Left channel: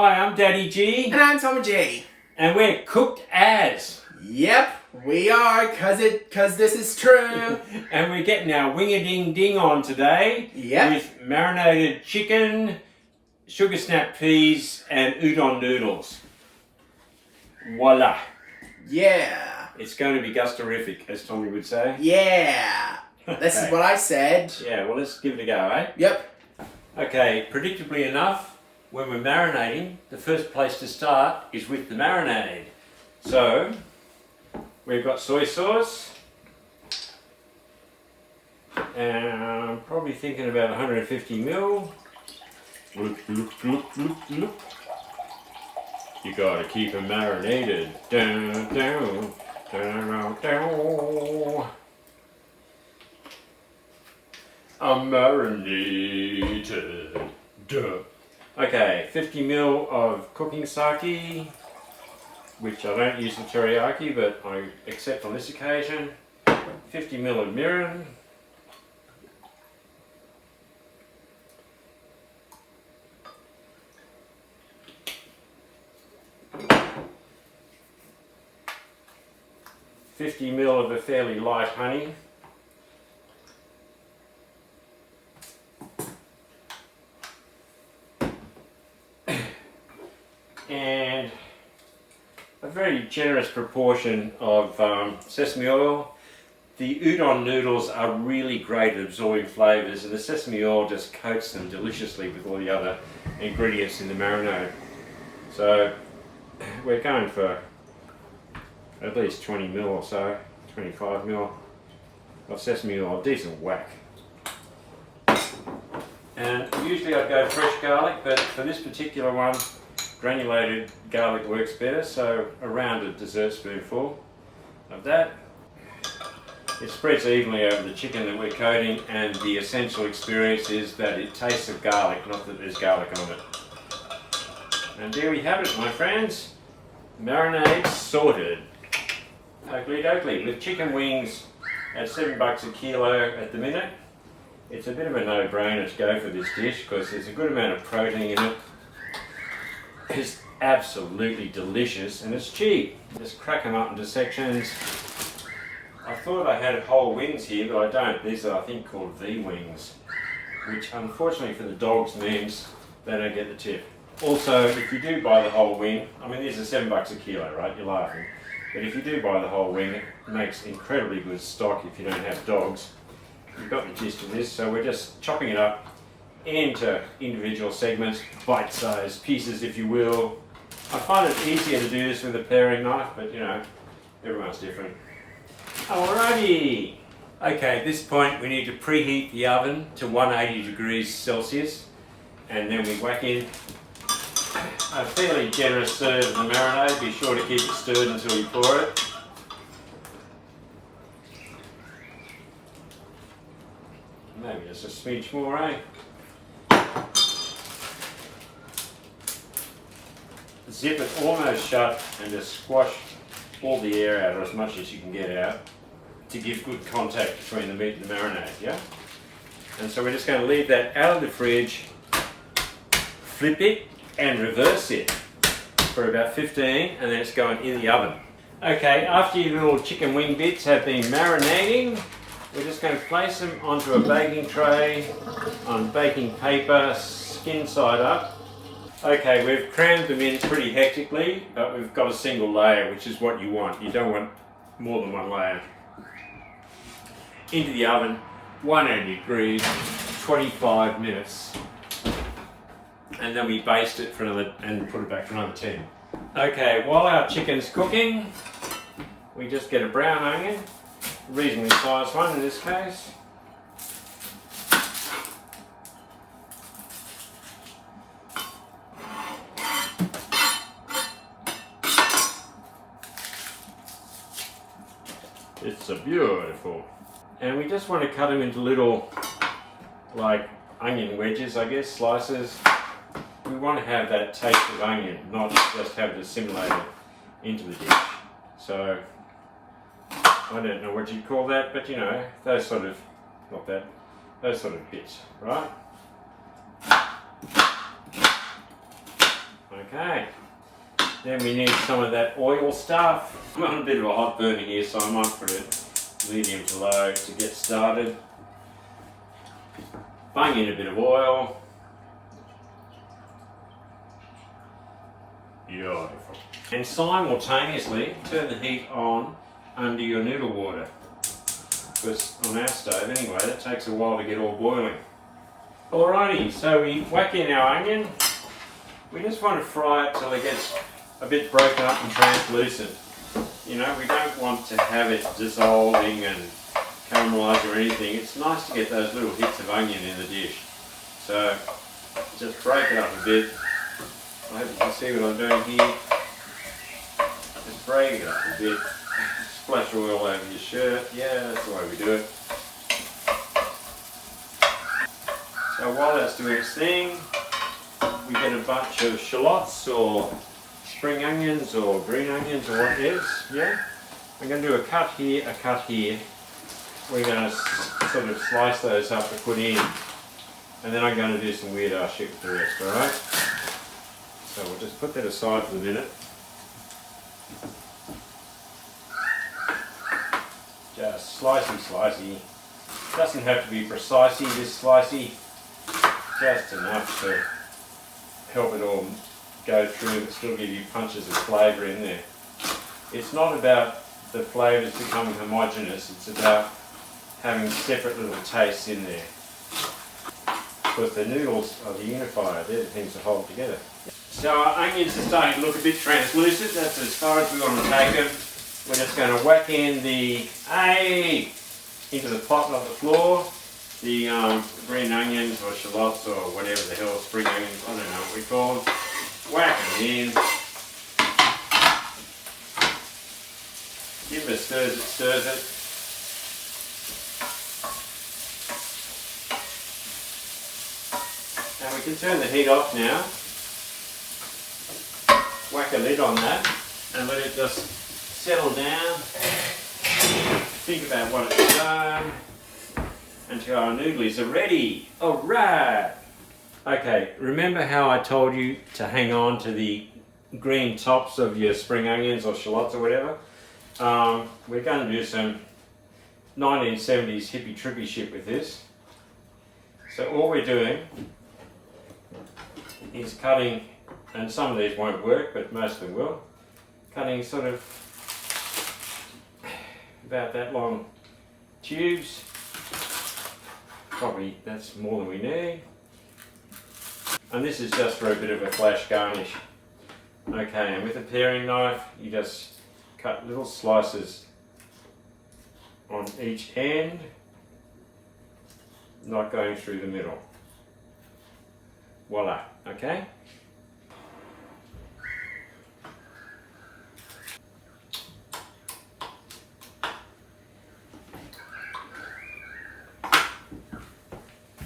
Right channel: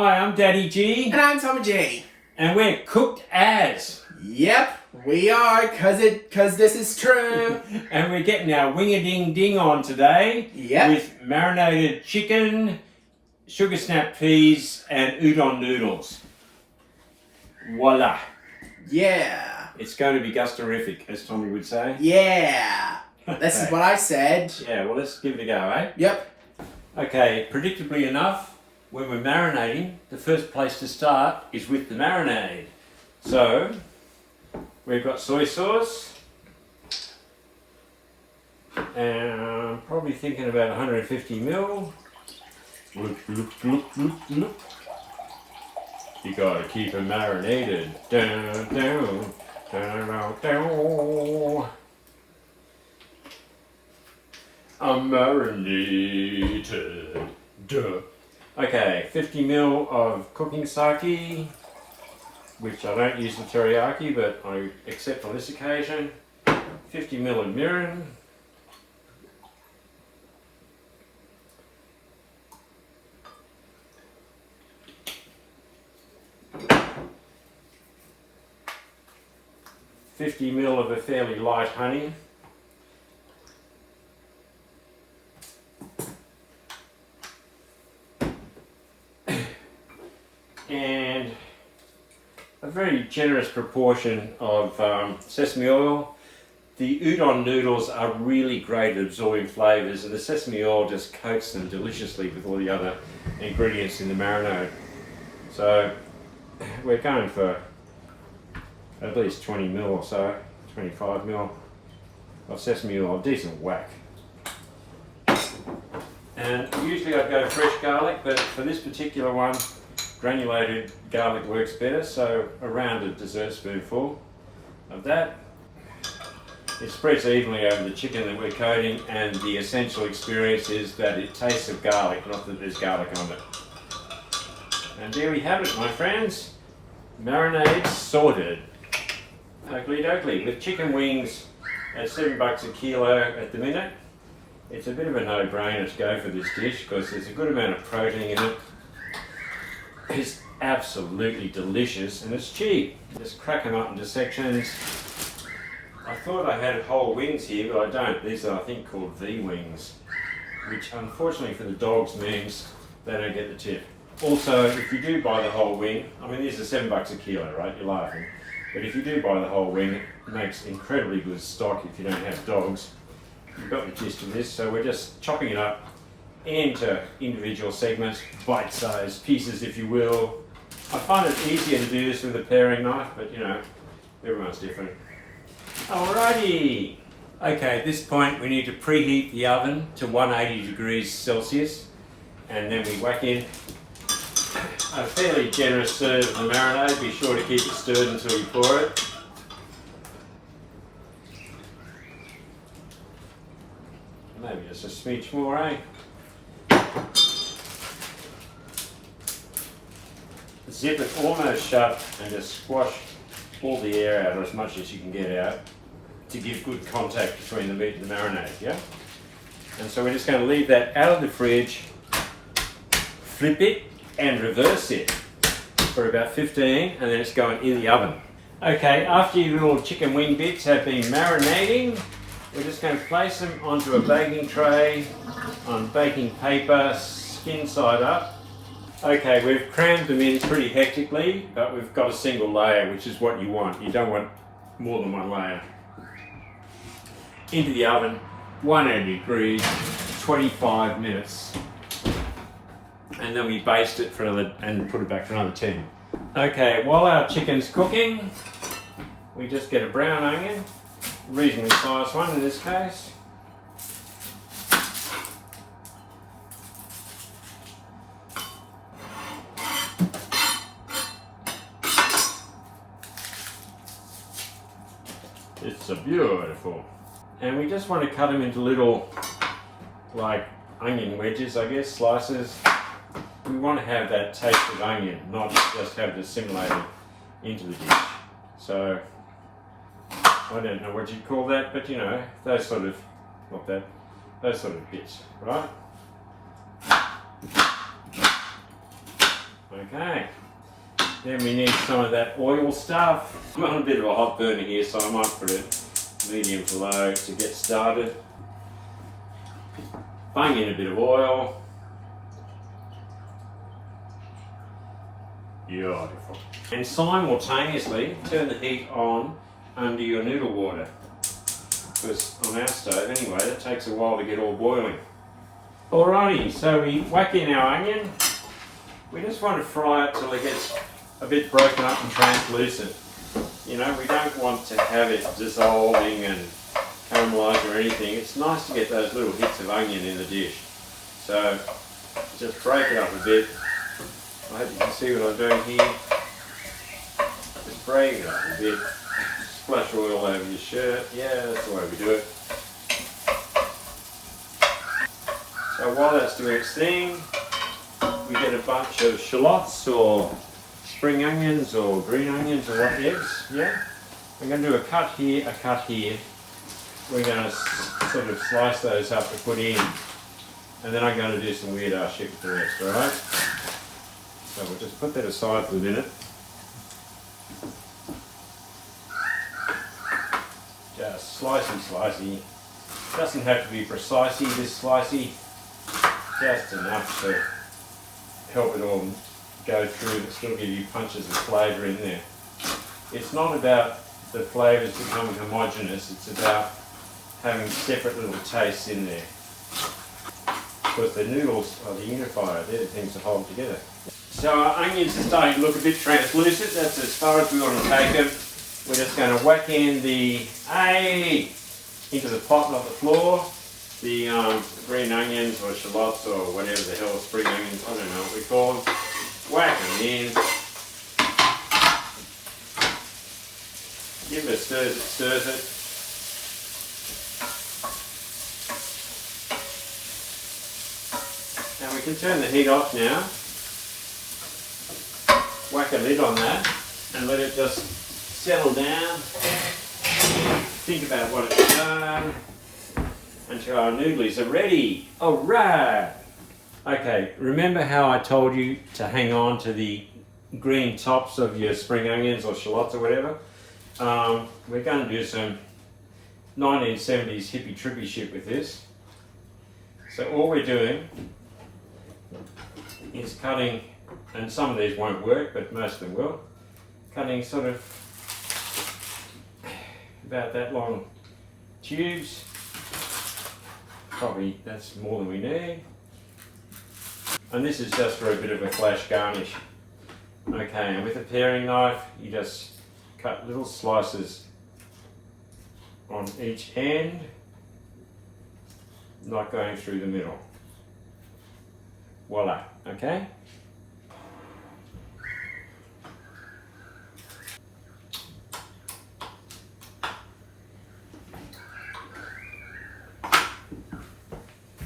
Hi, I'm Daddy G. And I'm Tommy G. And we're cooked as. Yep, we are, cause this is true. And we're getting our wing-a-ding-ding on today. Yep. With marinated chicken, sugar snap peas, and udon noodles. Voila. Yeah. It's going to be gustorific, as Tommy would say. Yeah. This is what I said. Yeah, well, let's give it a go, eh? Yep. Okay, predictably enough, when we're marinating, the first place to start is with the marinade. So, we've got soy sauce, and I'm probably thinking about 150 ml. Look, look, look, look, look. You gotta keep it marinated. Down, down, down, down. I'm marinated. Duh. Okay, 50 ml of cooking sake, which I don't use in teriyaki, but I accept on this occasion. 50 ml of mirin. $50 ml of a fairly light honey. And a very generous proportion of sesame oil. The udon noodles are really great at absorbing flavours, and the sesame oil just coats them deliciously with all the other ingredients in the marinade. So we're going for at least 20 ml or so, 25 ml of sesame oil, a decent whack. And usually I'd go fresh garlic, but for this particular one, granulated garlic works better, so around a dessert spoonful of that. It spreads evenly over the chicken that we're coating, and the essential experience is that it tastes of garlic, not that there's garlic on it. And there we have it, my friends. Marinade sorted. Oakley dokley. With chicken wings at $7 a kilo at the minute, it's a bit of a no-brainer to go for this dish because there's a good amount of protein in it. It's absolutely delicious and it's cheap. Just crack them up into sections. I thought I had whole wings here, but I don't. These are, I think, called V-wings, which unfortunately for the dogs means they don't get the tip. Also, if you do buy the whole wing, I mean, these are $7 a kilo, right? You're laughing. But if you do buy the whole wing, it makes incredibly good stock if you don't have dogs. You've got the gist of this, so we're just chopping it up into individual segments, bite-sized pieces if you will. I find it easier to do this with a paring knife, but you know, everyone's different. Alrighty! Okay, at this point we need to preheat the oven to 180 degrees Celsius, and then we whack in a fairly generous serve of the marinade. Be sure to keep it stirred until you pour it. Maybe just a smidge more, eh? Zip it almost shut and just squash all the air out, or as much as you can get out, to give good contact between the meat and the marinade, yeah? And so we're just going to leave that out of the fridge, flip it and reverse it for about 15, and then it's going in the oven. Okay, after your little chicken wing bits have been marinating, we're just going to place them onto a baking tray on baking paper, skin side up. Okay, we've crammed them in pretty hectically, but we've got a single layer, which is what you want. You don't want more than one layer. Into the oven, 180 degrees, 25 minutes. And then we baste it for another, and put it back for another 10. Okay, while our chicken's cooking, we just get a brown onion, a reasonably sized one in this case. It's a beautiful. And we just want to cut them into little, like onion wedges, I guess, slices. We want to have that taste of onion, not just have it assimilated into the dish. So, I don't know what you call that, but you know, those sort of, not that, those sort of bits, right? Okay. Then we need some of that oil stuff. I'm on a bit of a hot burner here, so I might put it medium to low to get started. Bung in a bit of oil. Beautiful. And simultaneously turn the heat on under your noodle water. Because on our stove anyway, that takes a while to get all boiling. Alrighty, so we whack in our onion. We just want to fry it till it gets a bit broken up and translucent. You know, we don't want to have it dissolving and caramelised or anything. It's nice to get those little hits of onion in the dish. So just break it up a bit. I hope you can see what I'm doing here. Just break it up a bit. Splash oil over your shirt. Yeah, that's the way we do it. So while that's doing its thing, we get a bunch of shallots or spring onions or green onions or whatever. Yeah, we're going to do a cut here, a cut here. We're going to sort of slice those up to put in, and then I'm going to do some weird ass shit with the rest. All right. So we'll just put that aside for a minute. Just slicey. Doesn't have to be precisely this slicey. Just enough to help it all go through, but still give you punches of flavour in there. It's not about the flavours becoming homogeneous, it's about having separate little tastes in there. Because the noodles are the unifier, they're the things that hold together. So our onions are starting to look a bit translucent, that's as far as we want to take them. We're just going to whack in into the pot, not the floor, the green onions or shallots or whatever the hell, spring onions, I don't know what we call them. Whack them in. Give it a stirs it. And we can turn the heat off now. Whack a lid on that and let it just settle down. Think about what it's done until our noodles are ready. Alright! Okay, remember how I told you to hang on to the green tops of your spring onions or shallots or whatever? We're going to do some 1970s hippie trippy shit with this. So all we're doing is cutting, and some of these won't work, but most of them will, cutting sort of about that long tubes. Probably that's more than we need. And this is just for a bit of a flash garnish. Okay, and with a paring knife, you just cut little slices on each end, not going through the middle. Voila, okay?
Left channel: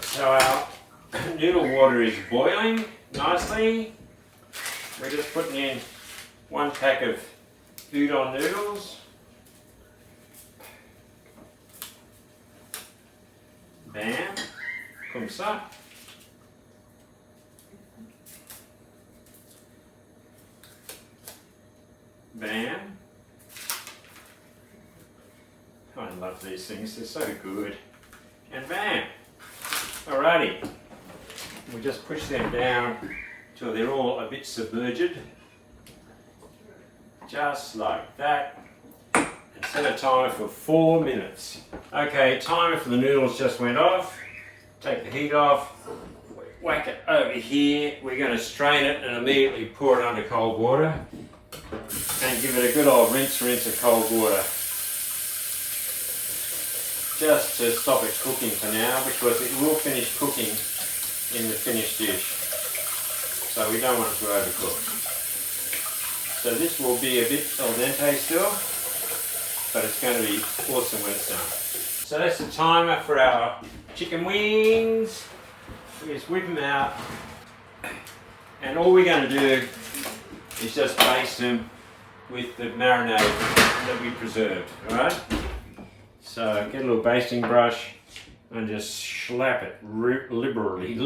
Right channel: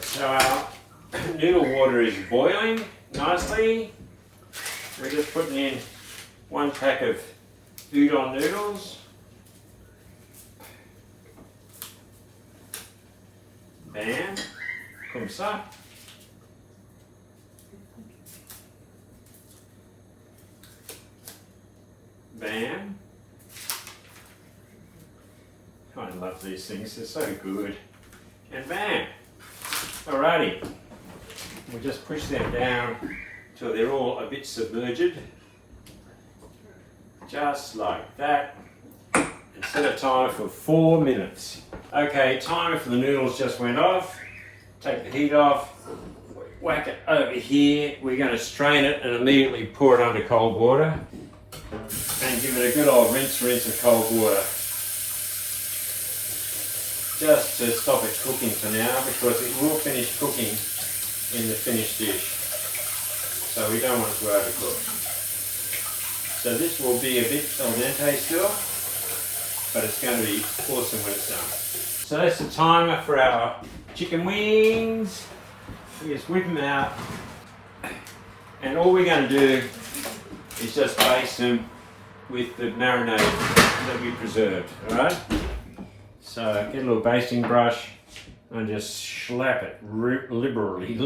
So our noodle water is boiling nicely. We're just putting in 1 pack of Udon noodles. Bam. Comme ça. Bam. I love these things, they're so good. And bam. Alrighty. We just push them down till they're all a bit submerged. Just like that. And set a timer for 4 minutes. Okay, timer for the noodles just went off. Take the heat off. Whack it over here. We're going to strain it and immediately pour it under cold water. And give it a good old rinse of cold water. Just to stop it cooking for now, because it will finish cooking in the finished dish. So we don't want it to overcook. So this will be a bit al dente still, but it's going to be awesome when it's done. So that's the timer for our chicken wings. We just whip them out. And all we're going to do is just baste them with the marinade that we preserved, alright? So get a little basting brush and just slap it liberally.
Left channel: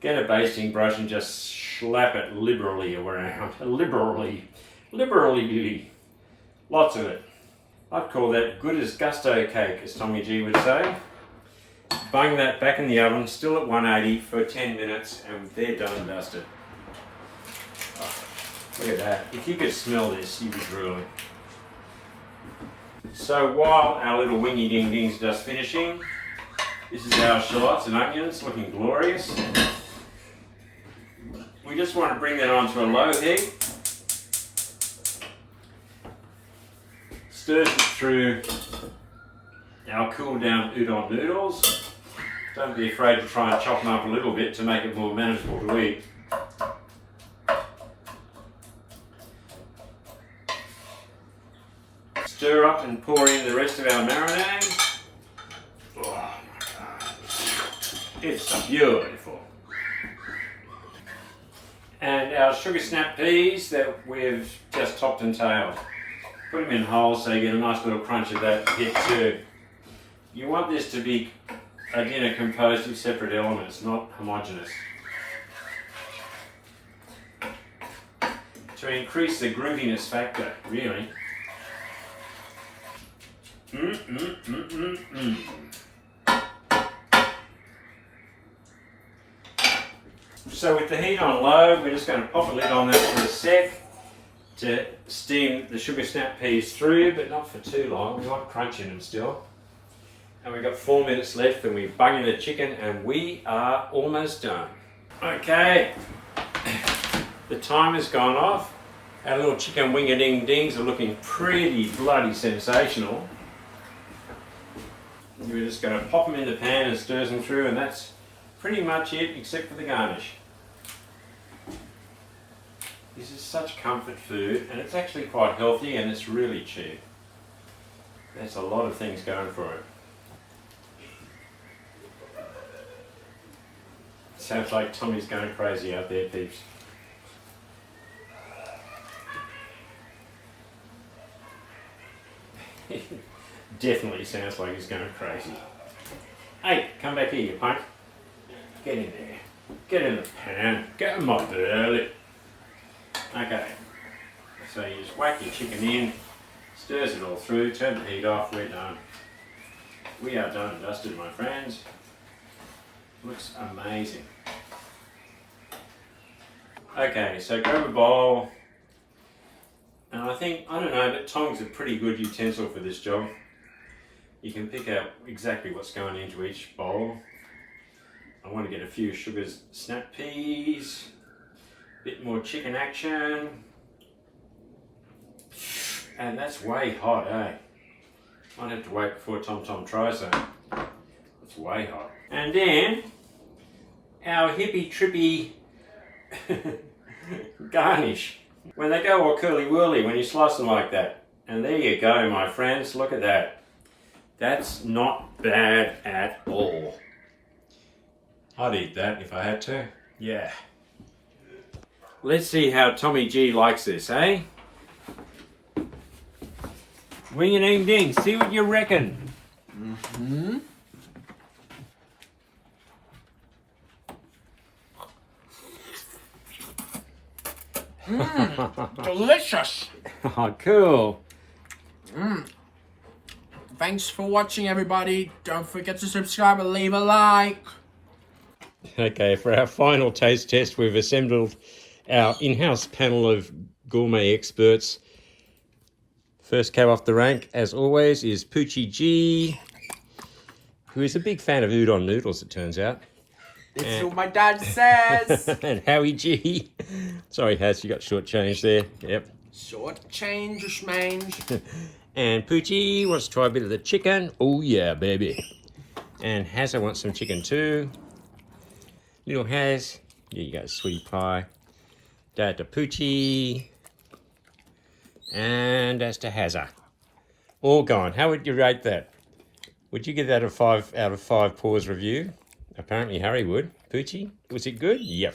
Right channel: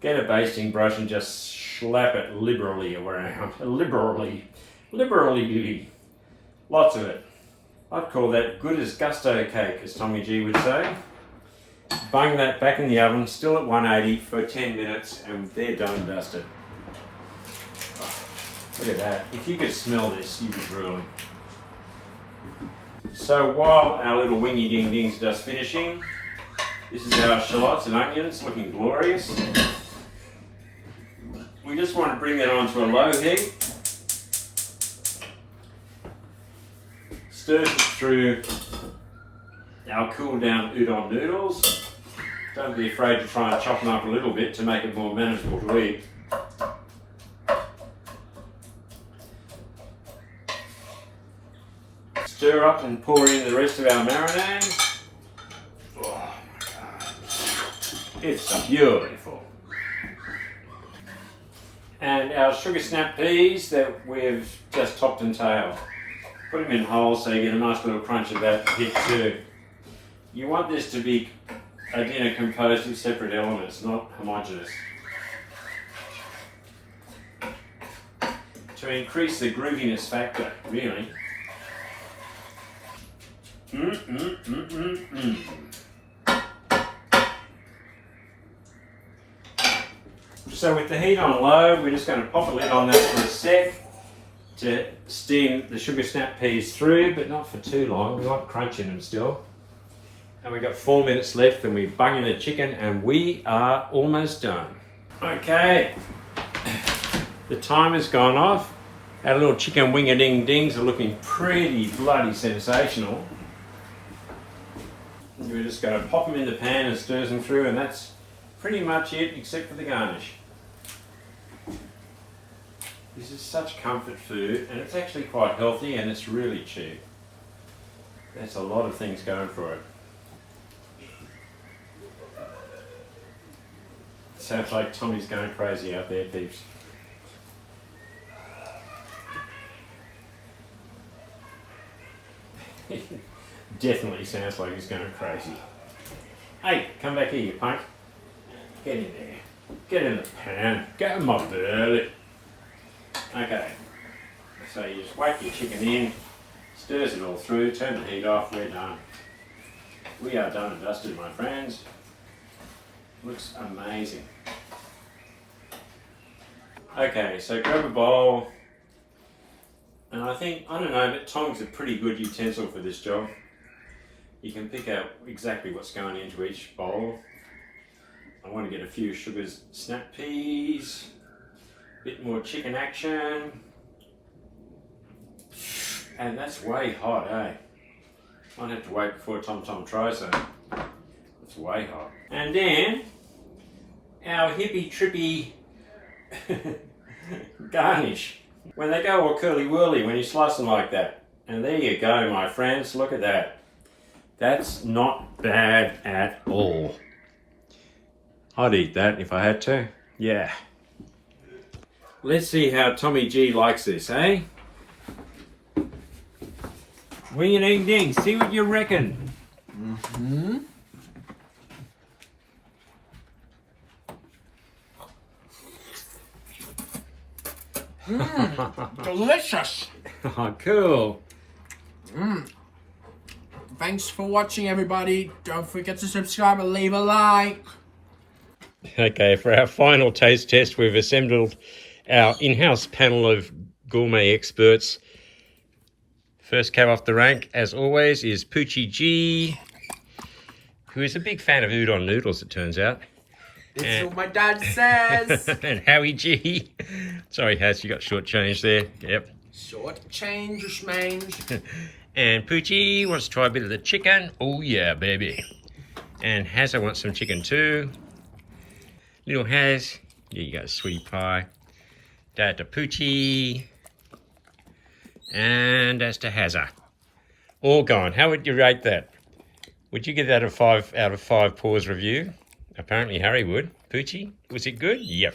Get a basting brush and just slap it liberally around. Liberally. Lots of it. I'd call that good as gusto cake, as Tommy G would say. Bung that back in the oven, still at 180 for 10 minutes, and they're done and dusted. Oh, look at that. If you could smell this, you'd be drooling. So while our little wingy ding ding's just finishing, this is our shallots and onions looking glorious. We just want to bring that onto a low heat. Stir it through our cool down udon noodles. Don't be afraid to try and chop them up a little bit to make it more manageable to eat. Stir up and pour in the rest of our marinade. Oh my God. It's beautiful. And our sugar snap peas that we've just topped and tailed. Put them in whole so you get a nice little crunch of that hit too. You want this to be a dinner composed of separate elements, not homogeneous. To increase the grooviness factor, really. So with the heat on low, we're just going to pop a lid on that for a sec to steam the sugar snap peas through, but not for too long. We like crunching them still. And we've got 4 minutes left, and we're bunging the chicken, and we are almost done. Okay, the timer's gone off. Our little chicken wing-a-ding-dings are looking pretty bloody sensational. We're just going to pop them in the pan and stir them through, and that's pretty much it, except for the garnish. This is such comfort food, and it's actually quite healthy, and it's really cheap. There's a lot of things going for it. Sounds like Tommy's going crazy out there, peeps. Definitely sounds like he's going crazy. Hey, come back here, you punk. Get in there. Get in the pan. Get in my belly. Okay. So you just whack your chicken in, stirs it all through, turn the heat off, we're done. We are done and dusted, my friends. Looks amazing. Okay, so grab a bowl. And I don't know, but tongs are a pretty good utensil for this job. You can pick out exactly what's going into each bowl. I want to get a few sugar snap peas, a bit more chicken action. And that's way hot, eh? Might have to wait before Tom tries that. It's way hot. And then, our hippy trippy garnish. When they go all curly whirly when you slice them like that. And there you go, my friends, look at that. That's not bad at all. I'd eat that if I had to. Yeah. Let's see how Tommy G likes this, eh? Wing and ding ding, see what you reckon. Mm-hmm. Delicious. Oh, cool. Thanks for watching, everybody. Don't forget to subscribe and leave a like. Okay, for our final taste test, we've assembled our in-house panel of gourmet experts. First cab off the rank, as always, is Poochie G, who is a big fan of udon noodles, it turns out. It's what my dad says. And Howie G. Sorry, Haz, you got shortchanged there. Yep. Short change or schmange. And Poochie wants to try a bit of the chicken. Oh yeah, baby. And Hazza wants some chicken too. Little Haz, there you go, sweetie pie. Dad to Poochie. And that's to Hazza. All gone. How would you rate that? Would you give that a 5 out of 5 paws review? Apparently Harry would. Poochie, was it good? Yep.